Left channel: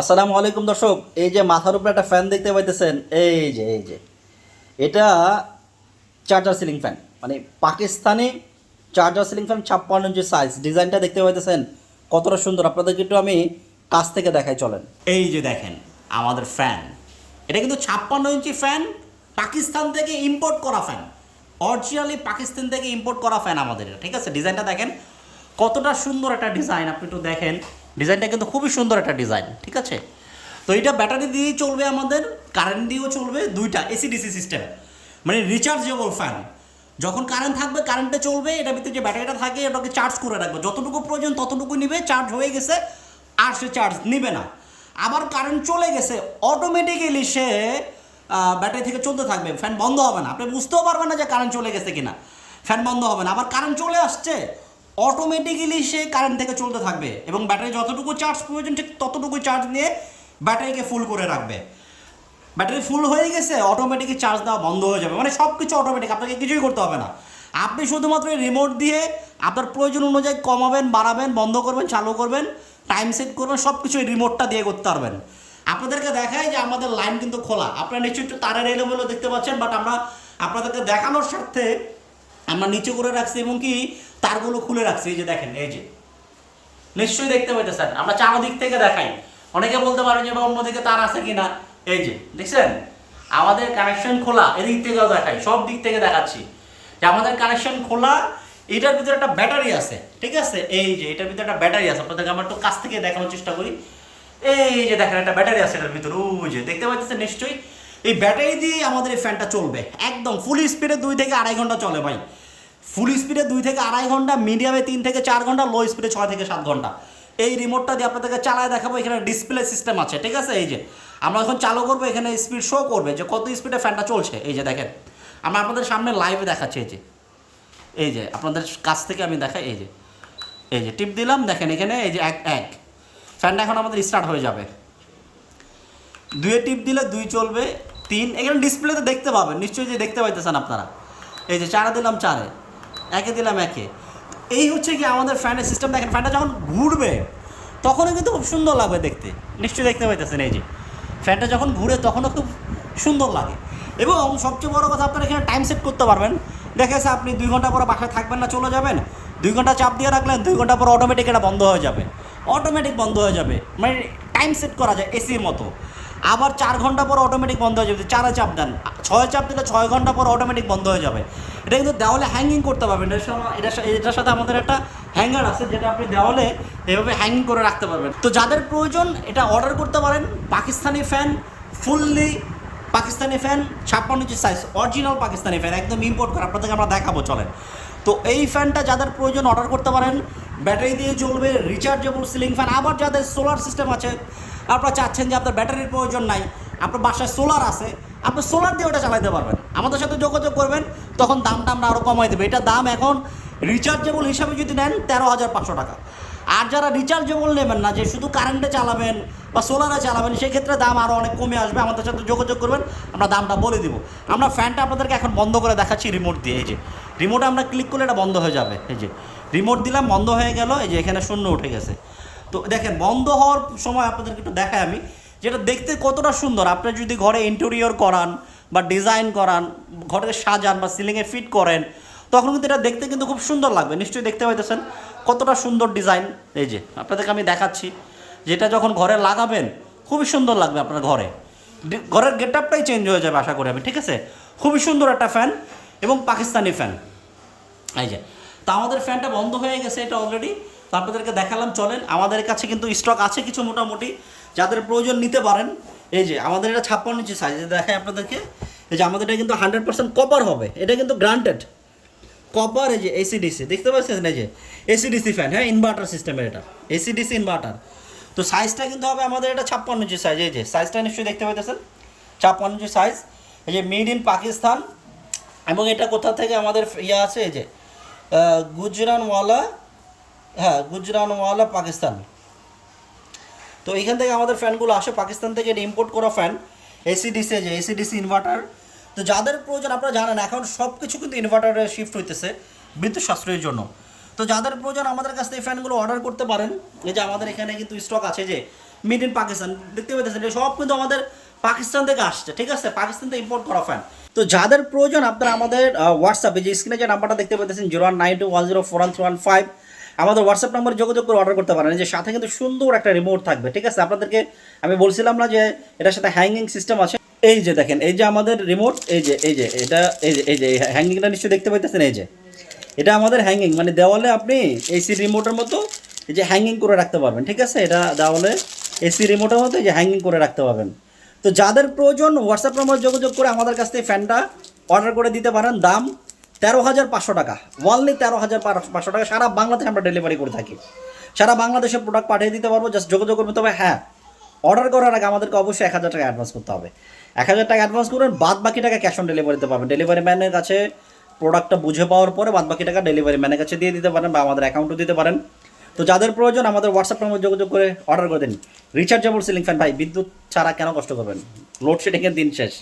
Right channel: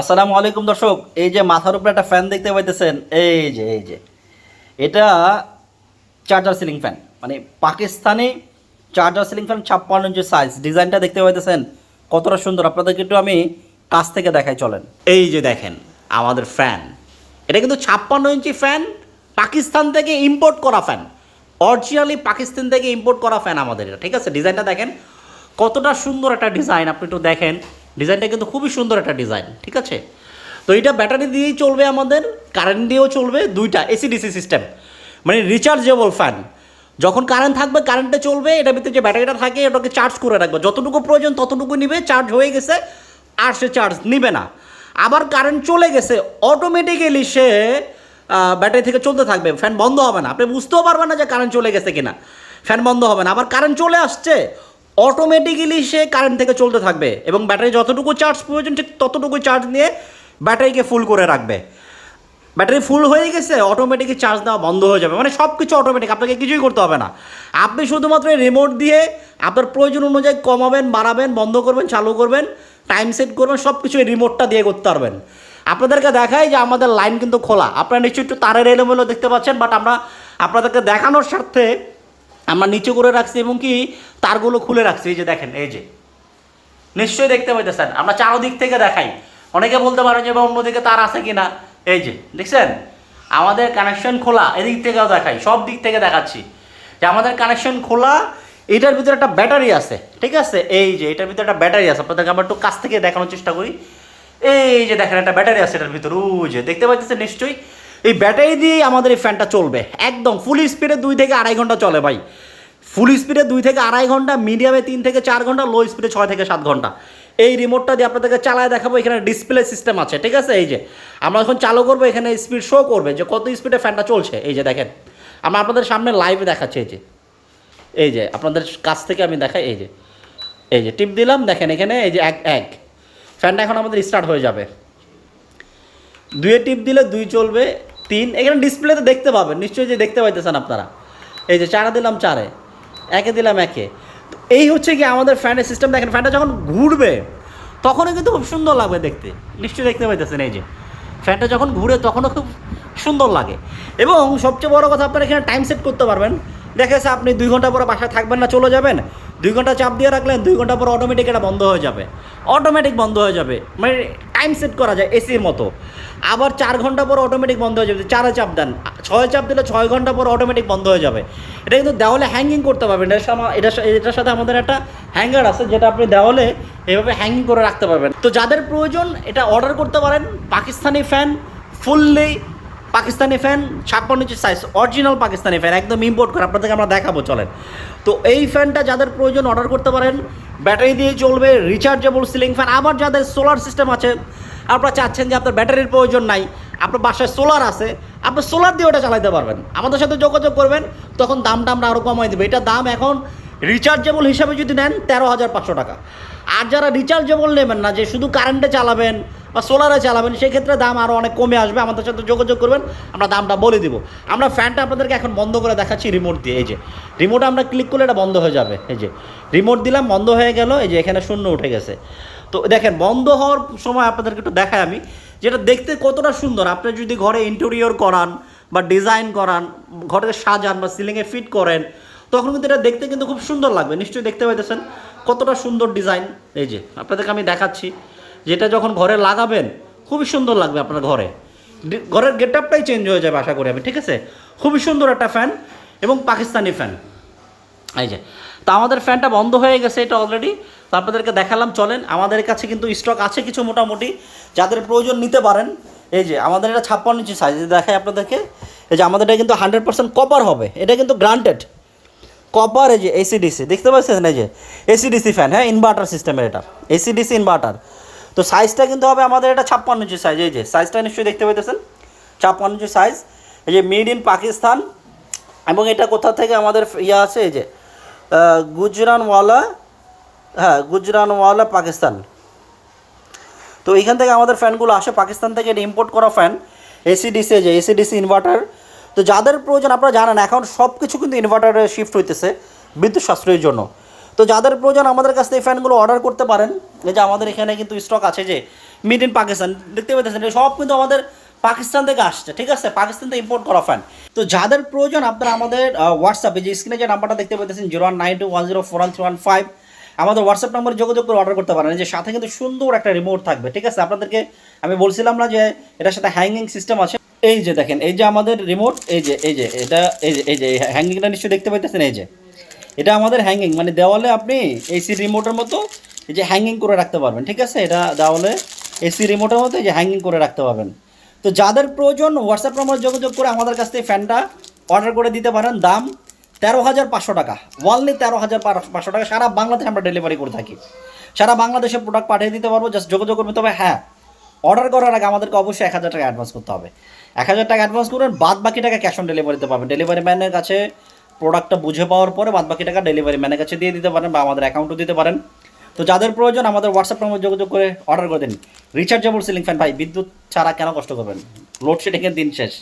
আসসালামু আলাইকুম দর্শক, এই যে মাথার উপরে একটা ফ্যান দেখতে পাইতেছেন, এই যে এটা চার্জার সিলিং ফ্যান, মানে পাকিস্তানি চার্জার সিলিং ফ্যান, 56 ইঞ্চি সাইজ। ডিজাইনটা দেখতে পাইতেছেন কতটা সুন্দর, আপনাদেরকে একটু আমি কাছ থেকে দেখাই চলেন। এই যে দেখেন আমাদের ফ্যান, এটা কিন্তু 56 ইঞ্চি ফ্যান, পাকিস্তান থেকে ইম্পোর্ট করা ফ্যান, অরিজিনালি পাকিস্তান থেকে ইম্পোর্ট করা ফ্যান আমাদের এটা, ঠিক আছে। ডিজাইনটা দেখেন কতটা সুন্দর একটা ডিজাইন, আপনি একটু দেখেন ডিজাইনটা কিন্তু খুবই সুন্দর একটা ডিজাইন, ঠিক আছে। তো এটা ব্যাটারি দিয়েই চলবে, আমাদের কারেন্ট দিয়েও চলবে, দুইটা এসি ডিসি সিস্টেম, মানে রিচার্জেবল ফ্যান। যখন কারেন্ট থাকবে কারেন্টে চলবে, এটার ভিতরে যে ব্যাটারিটা থাকে এটাকে চার্জ করে রাখবে, যতটুকু প্রয়োজন ততটুকু নিবে, চার্জ হয়ে গেছে আর সে চার্জ নিবে না। আবার কারেন্ট চলে গেছে অটোমেটিক্যালি সে ব্যাটারি থেকে চলতে থাকবে, ফ্যান বন্ধ হবে না, আপনি বুঝতেও পারবেন না যে কারেন্ট চলে গেছে কিনা, ফ্যান বন্ধ হবে না। আবার কারেন্ট চলে আসছে অটোমেটিক্যালি সে কারেন্ট থেকে চলতে থাকবে এবং ব্যাটারি যতটুকু চার্জ প্রয়োজন ঠিক ততটুকু চার্জ নিয়ে ব্যাটারিকে ফুল করে রাখবে। ব্যাটারি ফুল হয়ে গেছে অটোমেটিকই চার্জ দেওয়া বন্ধ হয়ে যাবে, মানে সব কিছু অটোমেটিক, আপনাকে কিছুই করতে হবে না। আপনি শুধুমাত্র রিমোট দিয়ে আপনার প্রয়োজন অনুযায়ী কমাবেন, বাড়াবেন, বন্ধ করবেন, চালু করবেন, টাইম সেট করবেন, সব কিছু এই রিমোটটা দিয়ে করতে পারবেন। আপনাদেরকে দেখাই যে আমাদের লাইন কিন্তু খোলা, আপনারা নিশ্চয়ই একটু তারের এলোমেলো দেখতে পাচ্ছেন, বাট আমরা আপনাদেরকে দেখানোর স্বার্থে আমরা নিচে করে রাখছি এবং কি তারগুলো খুলে রাখছি। এই যে দেখেন, এই যে নিশ্চয়ই দেখতে পাইতেছেন, আমরা চারোদিক থেকে দেখাই। অনেকে বলতে পারেন যে বা অন্যদিকে তার আছে কিনা, এই যে দেখছেন আমাদের কানেকশন খোলা, এদিক থেকেও দেখাই, সব দিক থেকে দেখাচ্ছি যে আমাদের কানেকশন খোলা। এটার ভিতরে একটা ব্যাটারি আছে, ঠিক আছে, এই যে এটার ভিতরে একটা ব্যাটারি আছে, আপনাদেরকে আমরা একটু কাছ থেকে দেখানোর চেষ্টা করি। এই যে দেখেন একটা ব্যাটারি আছে এটার ভিতরে, ওই যে দেখতে পাচ্ছেন নিশ্চয়ই। এই ব্যাটারি দিয়েই আমাদের এই ফ্যানটা চলবে, একদম ফুল স্পিডে 2 থেকে 2.5 ঘন্টা চলে ভাই। ফুল স্পিডে 2 থেকে 2.5 ঘন্টা, মিডিয়ামে 3 থেকে 4 ঘন্টা, লো স্পিডে 6 থেকে 7 ঘন্টা। এই রিমোটটা দিয়ে আপনাদেরকে চালায় দেখাবো, এখানে ডিসপ্লে সিস্টেম আছে, ঠিক আছে। এই যে আমরা যখন চালু করবো এখানে স্পিড শো করবে যে কত স্পিডে ফ্যানটা চলছে। এই যে দেখেন আমরা আপনাদের সামনে লাইভে দেখাচ্ছি, এই যে আপনাদের কাছ থেকে আমি দেখাই। এই যে টিপ দিলাম, দেখেন এখানে এই যে এক ফ্যানটা এখন আমাদের স্টার্ট হয়ে যাবে। 2-এ টিপ দিলে 2 চলবে, 3 এখানে ডিসপ্লেতে দেখতে পাবেন নিশ্চয়ই, যে দেখতে পাইতেছেন আপনারা। এই যে 4-এ দিলাম 4-এ, 1-এ দিলাম 1-এ। তো এই হচ্ছে কি আমাদের ফ্যানের সিস্টেম। দেখেন ফ্যানটা যখন ঘুরবে তখনও কিন্তু খুব সুন্দর লাগবে দেখতে, নিশ্চয়ই দেখতে পাইতেছেন। এই যে ফ্যানটা যখন ঘুরে তখনও খুব সুন্দর লাগে এবং সবচেয়ে বড় কথা আপনারা এখানে টাইম সেট করতে পারবেন। দেখেছে আপনি 2 ঘন্টা পরে বাসায় থাকবেন না, চলে যাবেন, 2 ঘন্টা চাপ দিয়ে রাখলেন, 2 ঘন্টা পর অটোমেটিক এটা বন্ধ হয়ে যাবে, অটোমেটিক বন্ধ হয়ে যাবে, মানে টাইম সেট করা যায় এসির মতো। আবার 4 ঘন্টা পর অটোমেটিক বন্ধ হয়ে যাবে, 4-এ চাপ দেন, 6-এ চাপ দিলে 6 ঘন্টা পর অটোমেটিক বন্ধ হয়ে যাবে। এটা কিন্তু দেওয়ালে হ্যাঙ্গিং করতে পারবেন, এটার সাথে আমাদের একটা হ্যাঙ্গার আছে যেটা আপনি দেওয়ালে এভাবে হ্যাঙ্গিং করে রাখতে পারবেন। তো যাদের প্রয়োজন এটা অর্ডার করতে পারেন। Pakistani fan, fully Pakistani fan, 56 ইঞ্চি সাইজ, অরিজিনাল পাকিস্তানি ফ্যান, একদম ইম্পোর্ট করে, আপনাদেরকে আমরা দেখাবো চলেন। তো এই ফ্যানটা যাদের প্রয়োজন অর্ডার করতে পারেন, ব্যাটারি দিয়ে চলবে, রিচার্জেবল সিলিং ফ্যান। আবার যাদের সোলার সিস্টেম আছে, আপনারা চাচ্ছেন যে আপনার ব্যাটারির প্রয়োজন নাই, আপনার বাসায় সোলার আছে, আপনি সোলার দিয়ে ওটা চালাতে পারবেন, আমাদের সাথে যোগাযোগ করবেন, তখন দামটা আমরা আরও কমাই দেবো। এটার দাম এখন রিচার্জেবল হিসাবে যদি নেন 13,500 টাকা। আর যারা রিচার্জেবল নেবেন না, যে শুধু কারেন্টে চালাবেন বা সোলারে চালাবেন, সেক্ষেত্রে দাম আরও অনেক কমে আসবে, আমাদের সাথে যোগাযোগ করবেন, আমরা দামটা বলে দিব। আমরা ফ্যানটা আপনাদেরকে এখন বন্ধ করে দেখাচ্ছি রিমোট দিয়ে। এই যে রিমোটে আমরা ক্লিক করলে এটা বন্ধ হয়ে যাবে, এই যে রিমোট দিলাম, বন্ধ হয়ে গেল, এই যে এখানে শূন্য উঠে গেছে। তো দেখেন বন্ধ হওয়ার সময় আপনাদেরকে একটু দেখাই আমি, যেটা দেখতে কতটা সুন্দর। আপনি যদি ঘরে ইন্টেরিয়র করান বা ডিজাইন করান, ঘরে সাজান বা সিলিংয়ে ফিট করেন, তখন কিন্তু এটা দেখতে কিন্তু খুব সুন্দর লাগবে, নিশ্চয়ই দেখতে পাইতেছেন কতটা সুন্দর ডিজাইন। এই যে আপনাদেরকে আমি দেখাচ্ছি, যেটা যখন ঘরে লাগাবেন খুবই সুন্দর লাগবে আপনার ঘরের গেট আপটাই চেঞ্জ হয়ে যাবে আশা করি আমি, ঠিক আছে। খুবই সুন্দর একটা ফ্যান এবং পাকিস্তানি ফ্যান। এই যে তো আমাদের ফ্যানটা বন্ধ হয়ে গেছে এটা অলরেডি, তো আপনাদেরকে দেখালাম চলেন। আমাদের কাছে কিন্তু স্টক আছে কিছু মোটামুটি, যাদের প্রয়োজন নিতে পারেন। এই যে আমাদের এটা 56 ইঞ্চি সাইজ, দেখাই আপনাদেরকে। এই যে আমাদের এটা কিন্তু 100% কপার হবে, এটা কিন্তু গ্রান্টেড কপার। এই যে এসিডিসি দেখতে পাচ্ছেন, এই যে এসিডিসি ফ্যান, হ্যাঁ ইনভার্টার সিস্টেমের, এটা এসিডিসি ইনভার্টার। তো সাইজটা কিন্তু হবে আমাদের এটা 56 ইঞ্চি সাইজ, এই যে সাইজটা নিশ্চয়ই দেখতে পাইতেছেন 56 ইঞ্চি সাইজ। এই যে মেড ইন পাকিস্তান, এবং এটা কোথা থেকে আমাদের ইয়ে আছে, এই যে গুজরানওয়ালা, হ্যাঁ গুজরানওয়ালা পাকিস্তান। তো এইখান থেকে আমাদের ফ্যানগুলো আসে পাকিস্তান থেকে, এটা ইম্পোর্ট করা ফ্যান, এসিডিসি, যে এসিডিসি ইনভার্টার। তো যাদের প্রয়োজন, আপনারা জানেন এখন সব কিছু কিন্তু ইনভার্টারে শিফট হইতেছে বিদ্যুৎ সাশ্রয়ের জন্য। তো যাদের প্রয়োজন আমাদের কাছ থেকে এই ফ্যানগুলো অর্ডার করতে পারেন। এই যে আমাদের এখানে কিন্তু স্টক আছে, যে মেড ইন পাকিস্তান, দেখতে পাচ্ছেন এটা সব কিন্তু আমাদের পাকিস্তান থেকে আসছে, ঠিক আছে, পাকিস্তান থেকে ইম্পোর্ট করা ফ্যান। তো যাদের প্রয়োজন আপনারা আমাদের হোয়াটসঅ্যাপে যে স্ক্রিনে যে নাম্বারটা দেখতে পাচ্ছেন 019210413115 আমাদের হোয়াটসঅ্যাপ নাম্বারে যোগাযোগ করে অর্ডার করতে পারেন। এই যে সাথে কিন্তু সুন্দর একটা রিমোট থাকবে, ঠিক আছে। আপনাদেরকে আমি বলছিলাম না যে এটার সাথে হ্যাঙ্গিং সিস্টেম আছে, এই যে দেখেন এই যে আমাদের রিমোট, এই যে এটা এই যে হ্যাঙ্গিংটা নিশ্চয়ই দেখতে পাইতেছেন। এই যে এটা আমাদের হ্যাঙ্গিং, মানে দেওয়ালে আপনি এসি রিমোটের মতো এই যে হ্যাঙ্গিং করে রাখতে পারবেন, ঠিক আছে। এটা দেওয়ালে এসি রিমোটের মতো এই যে হ্যাঙ্গিং করে রাখতে পারবেন। তো যাদের প্রয়োজন হোয়াটসঅ্যাপ নাম্বার যোগাযোগ করে আমাদের কাছ থেকে ফ্যানটা অর্ডার করে দিতে পারেন। দাম 13,500 টাকা, ওনলি 13,500 টাকা। সারা বাংলাদেশে আমরা ডেলিভারি করে থাকি, সারা বাংলাদেশে প্রোডাক্ট পাঠিয়ে দিতে পারবো। জাস্ট যোগাযোগ করতে হবে। হ্যাঁ, অর্ডার করার আগে আমাদেরকে অবশ্যই 1,000 টাকা অ্যাডভান্স করতে হবে। 1,000 টাকা অ্যাডভান্স করবেন, বাদ বাকি টাকা ক্যাশ অন ডেলিভারিতে পাবেন। ডেলিভারি ম্যানের কাছে প্রোডাক্টটা বুঝে পাওয়ার পরে বাদ বাকি টাকা ডেলিভারি ম্যানের কাছে দিয়ে দিতে পারেন বা আমাদের অ্যাকাউন্টও দিতে পারেন। তো যাদের প্রয়োজন আমাদের হোয়াটসঅ্যাপ নাম্বার যোগাযোগ করে অর্ডার করে দিন। রিচার্জেবল সিলিং ফ্যান ভাই, বিদ্যুৎ ছাড়া কেন কষ্ট করবেন? লোডশেডিংয়ের দিন শেষ।